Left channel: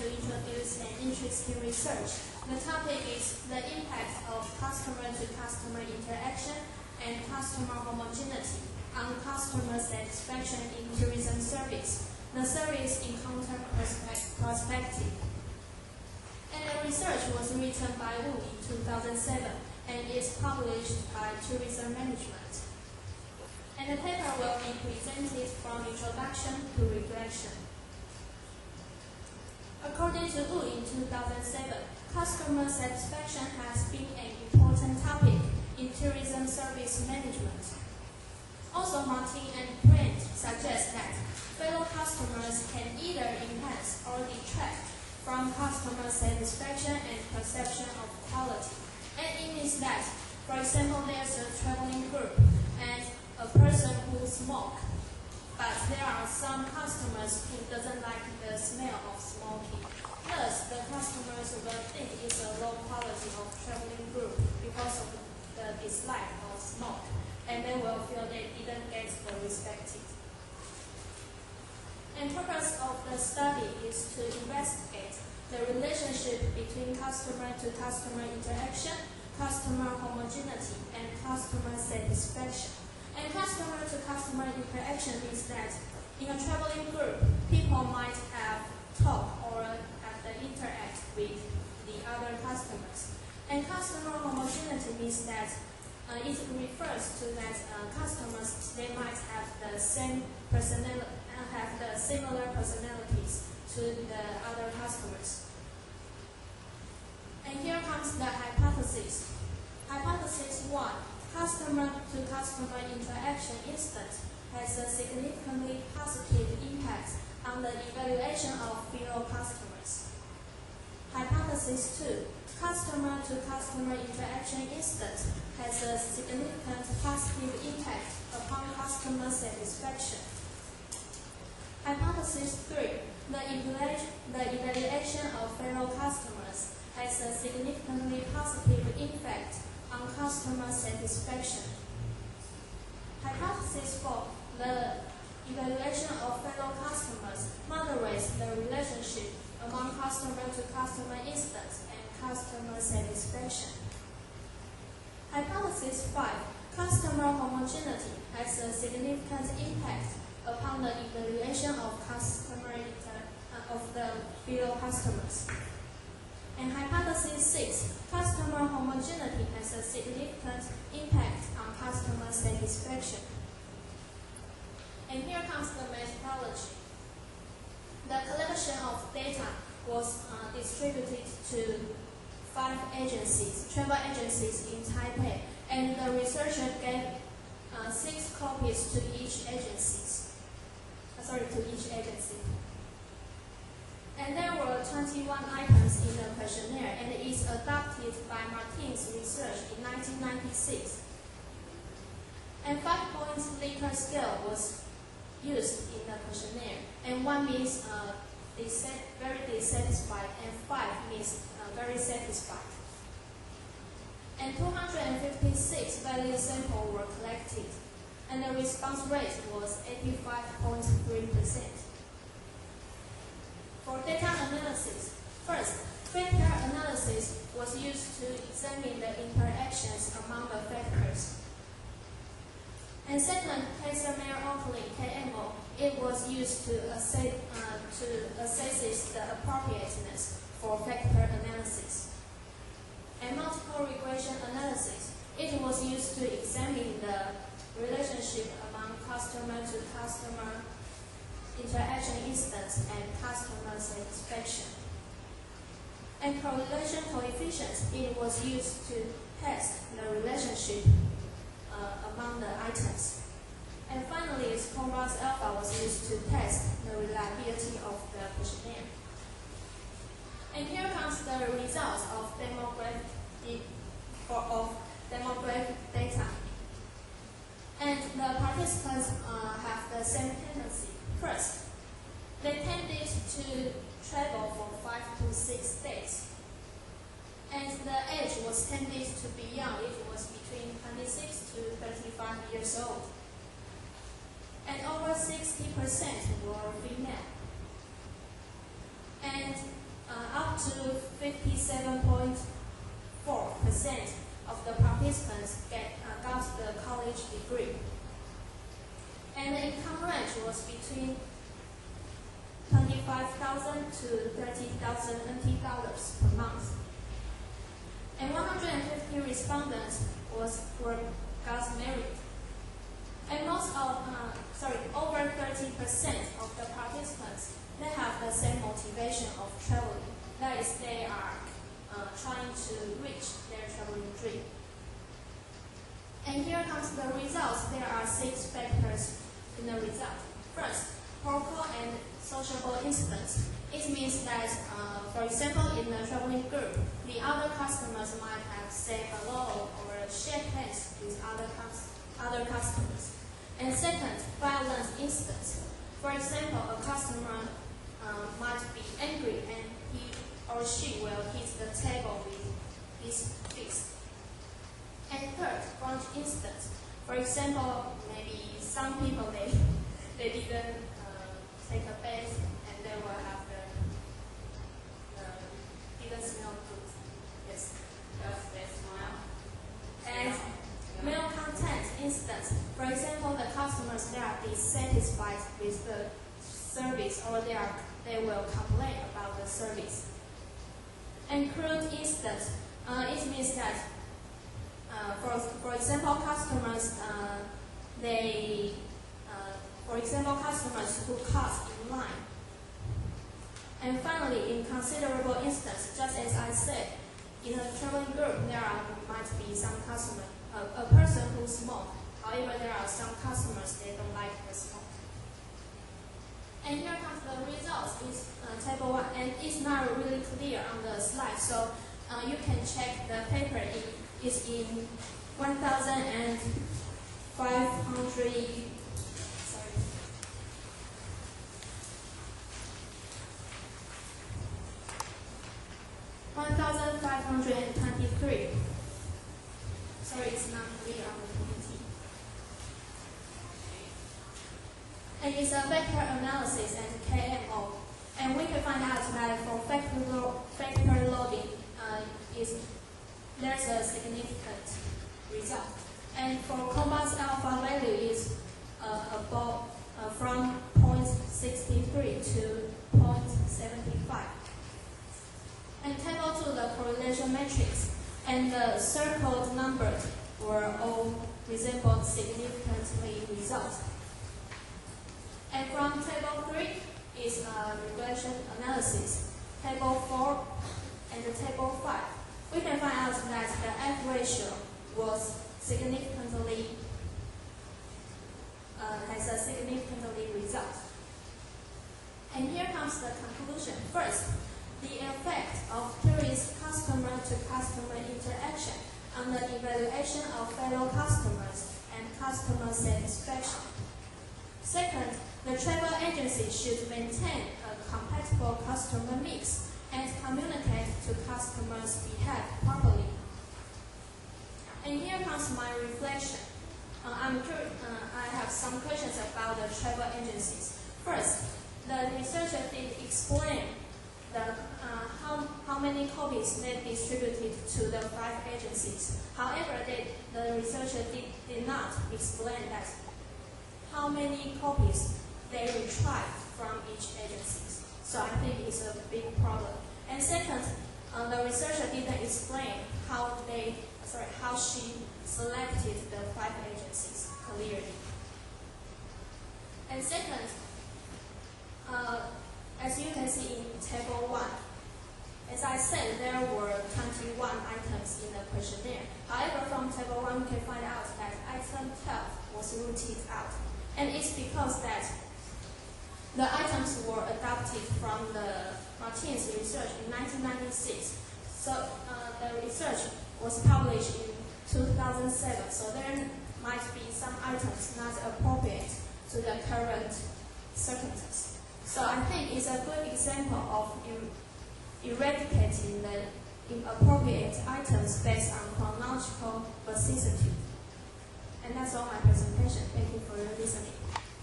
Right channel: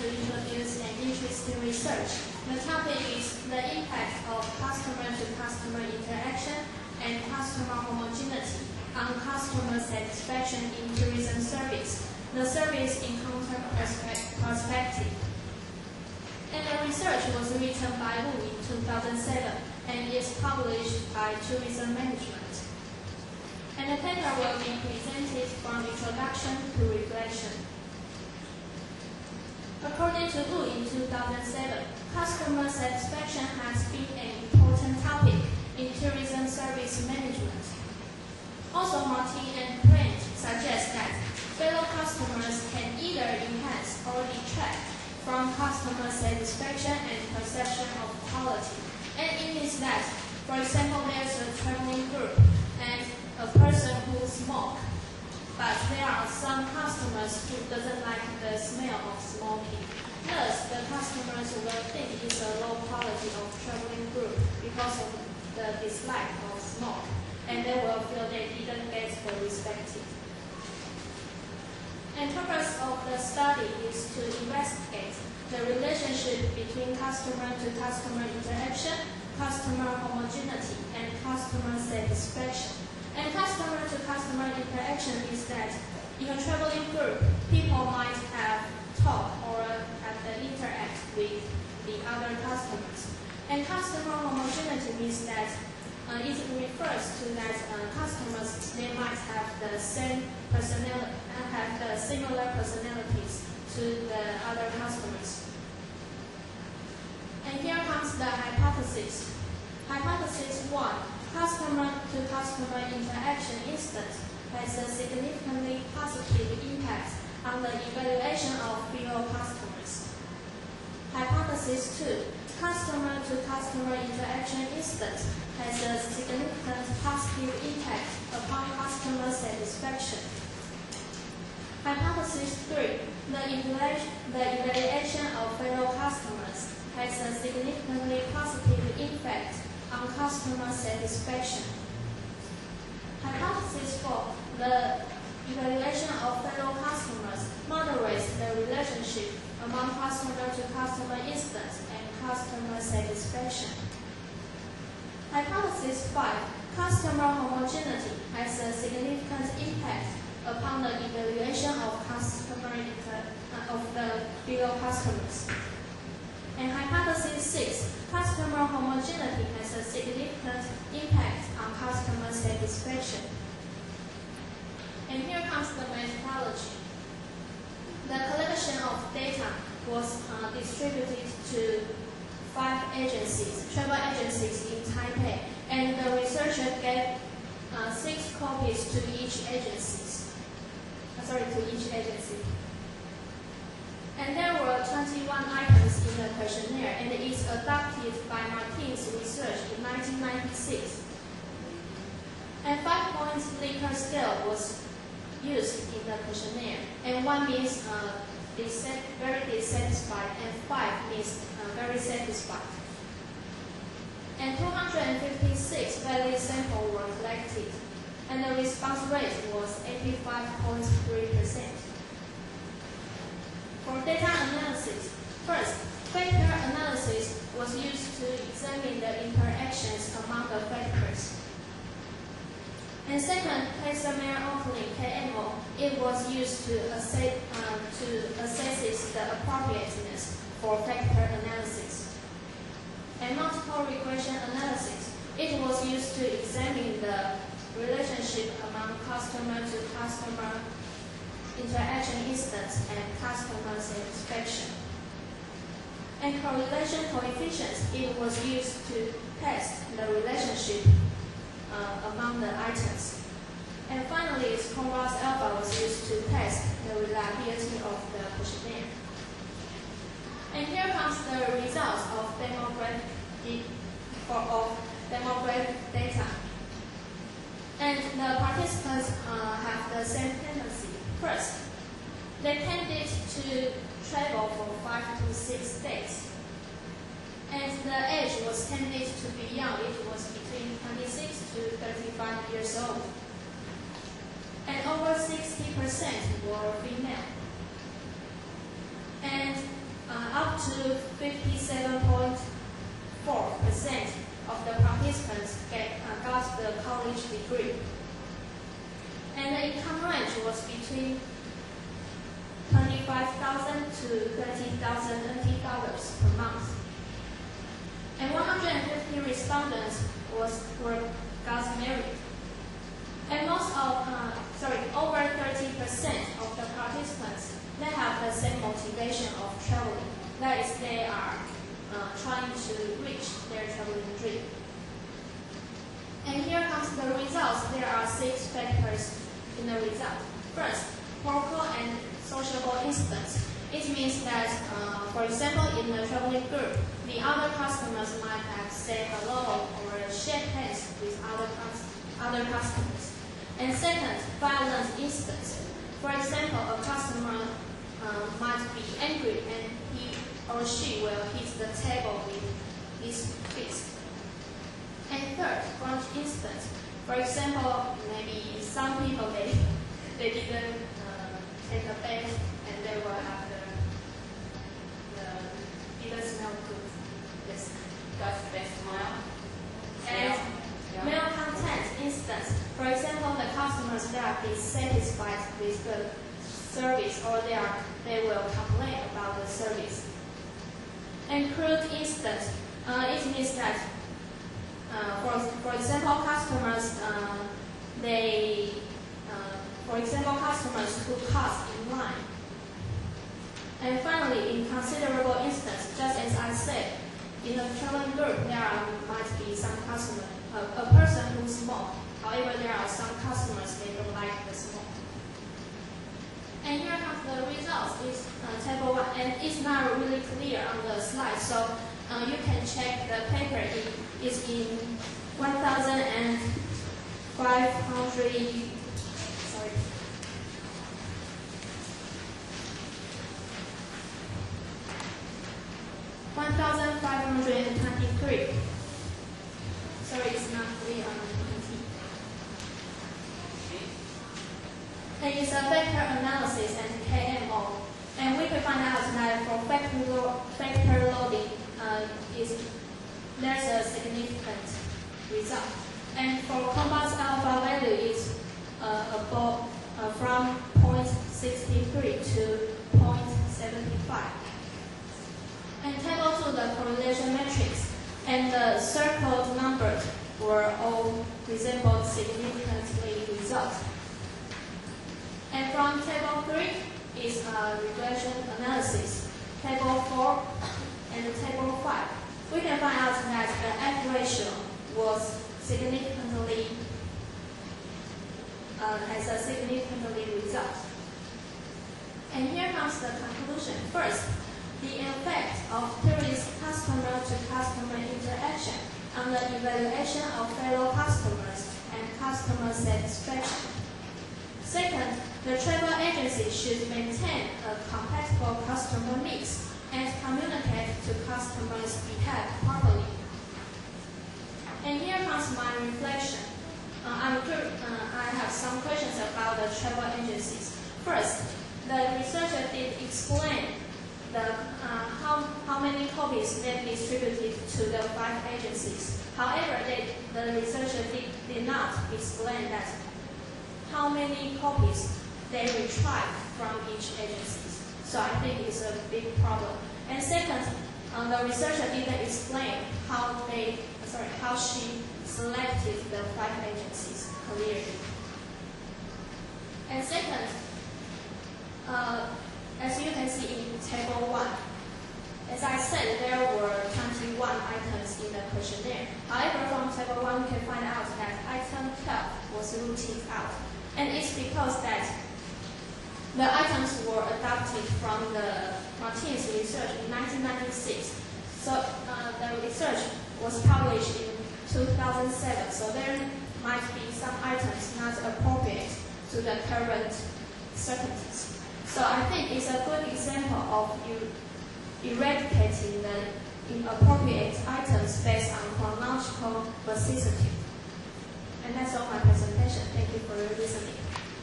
to introduce an interesting research. The topic is the impact of customer-to-customer interaction and customer homogeneity on customer satisfaction in tourism service, the service encounter perspective. And the research was written by Wu in 2007 and is published by Tourism Management. And the paper will be presented from introduction to reflection. According to Wu in 2007, customer satisfaction has been an important topic in tourism service management. Also, Martin and Brent suggest that fellow customers can either enhance or detract from customer satisfaction and perception of quality. And it means that, for example, there's a traveling group and a person who smokes, but there are some customers who doesn't like the smell of smoking. Thus, the customers will think it's a low quality of traveling group because of the dislike of smoke, and they will feel they didn't get the respected. And the purpose of the study is to investigate the relationship between customer-to-customer interaction, customer homogeneity, and customer satisfaction. And customer-to-customer interaction is that in a traveling group, people might have talk or have to interact with the other customers. And customer homogeneity means that it refers to that customers, they might have the same personality, have the similar personalities to the other customers. And here comes the hypothesis. Hypothesis 1. Customer-to-customer interaction instance has a significantly positive impact on the evaluation of fellow customers. Hypothesis 2. Customer-to-customer interaction instance has a significant positive impact upon customer satisfaction. Hypothesis 3. The evaluation of fellow customers has a significantly positive impact on customer satisfaction. Hypothesis 4. The evaluation of fellow customers moderates the relationship among customer-to-customer instance and customer satisfaction. Hypothesis 5. Customer homogeneity has a significant impact upon the evaluation of the fellow customers. And hypothesis 6. Customer homogeneity has a significant impact on customer satisfaction. And here comes the methodology. The collection of data was distributed to 5 agencies, travel agencies in Taipei, and the researcher gave 6 copies to each agency. And there were 21 items in the questionnaire, and it is adopted by Martin's research in 1996. And 5-point Likert scale was used in the questionnaire, and 1 means very dissatisfied, and 5 means very satisfied. And 256 valid samples were collected, and the response rate was 85.3%. For data analysis, first, factor analysis was used to examine the interactions among the factors. And second, Kaiser-Meyer-Oakley (KMO), it was used to assess the appropriateness for factor analysis. And multiple regression analysis, it was used to examine the relationship among customer-to-customer interaction instance and customer satisfaction. And correlation coefficients, it was used to test the relationship among the items. And finally, Conrad's alpha was used to test the reliability of the questionnaire. And here comes the results of demographic data. And the participants have the same tendency. First, they tended to travel for 5 to 6 days. And the age was tended to be young. It was between 26 to 35 years old. And over 60% were female. And to 57.4% of the participants got the college degree. And the income range was between 25,000 to 30,000 NT dollars per month. And 150 respondents got married. And over 30% of the participants, they have the same motivation of traveling. That is, they are trying to reach their traveling dream. And here comes the results. There are 6 factors in the result. First, political and sociable incidents. It means that, for example, in the traveling group, the other customers might have said hello or shake hands with other customers. And second, violent incidents. For example, a customer might be angry and he or she will hit the table with his fist. And third, grudge incidents. For example, maybe some people they didn't take a bath and they will have the didn't smell good. Yes. Does they smile? And mail content instance. For example, the customers they are dissatisfied with the service or they will complain about the service. And crude instance. It means that for example, customers who cut in line. And finally, in considerable instance, just as I said, in a traveling group, there might be some customer, a person who smokes. However, there are some customers they don't like the smoke. And here comes the results. It's table 1, and it's not really clear on the slide, so you can check the paper. It's in 1,500. 1,523. Sorry, it's not clear on the PPT. And it's a vector analysis and KMO. And we can find out that for factor loading, there's a significant result. And for compound alpha value is from 0.63 to 0.75. And table 2, the correlation matrix and the circled numbers were all resembled significantly results. And from table 3 is a regression analysis. Table 4 and the table 5. We can find out that the F ratio was significantly has a significantly result. And here comes the conclusion. First, the effect of tourist customer-to-customer interaction on the evaluation of fellow customers and customer satisfaction. Second, the travel agency should maintain a compatible customer mix and communicate to customers' behave properly. And here comes my reflection. I have some questions about the travel agencies. First, the researcher did explain how many copies they distributed to the 5 agencies. However, the researcher did not explain that how many copies they retrieved from each agency. So I think it's a big problem. And second, the researcher didn't explain how she selected the 5 agencies clearly. And second, as you can see in table 1, as I said, there were 21 items in the questionnaire. However, from table 1, we can find out that item 12 was rooted out. And it's because that the items were adopted from the Martin's research in 1996. So the research was published in 2007. So there might be some items not appropriate to the current circumstances. So I think it's a good example of eradicating the inappropriate items based on chronological vicissitude. And that's all my presentation. Thank you for your listening.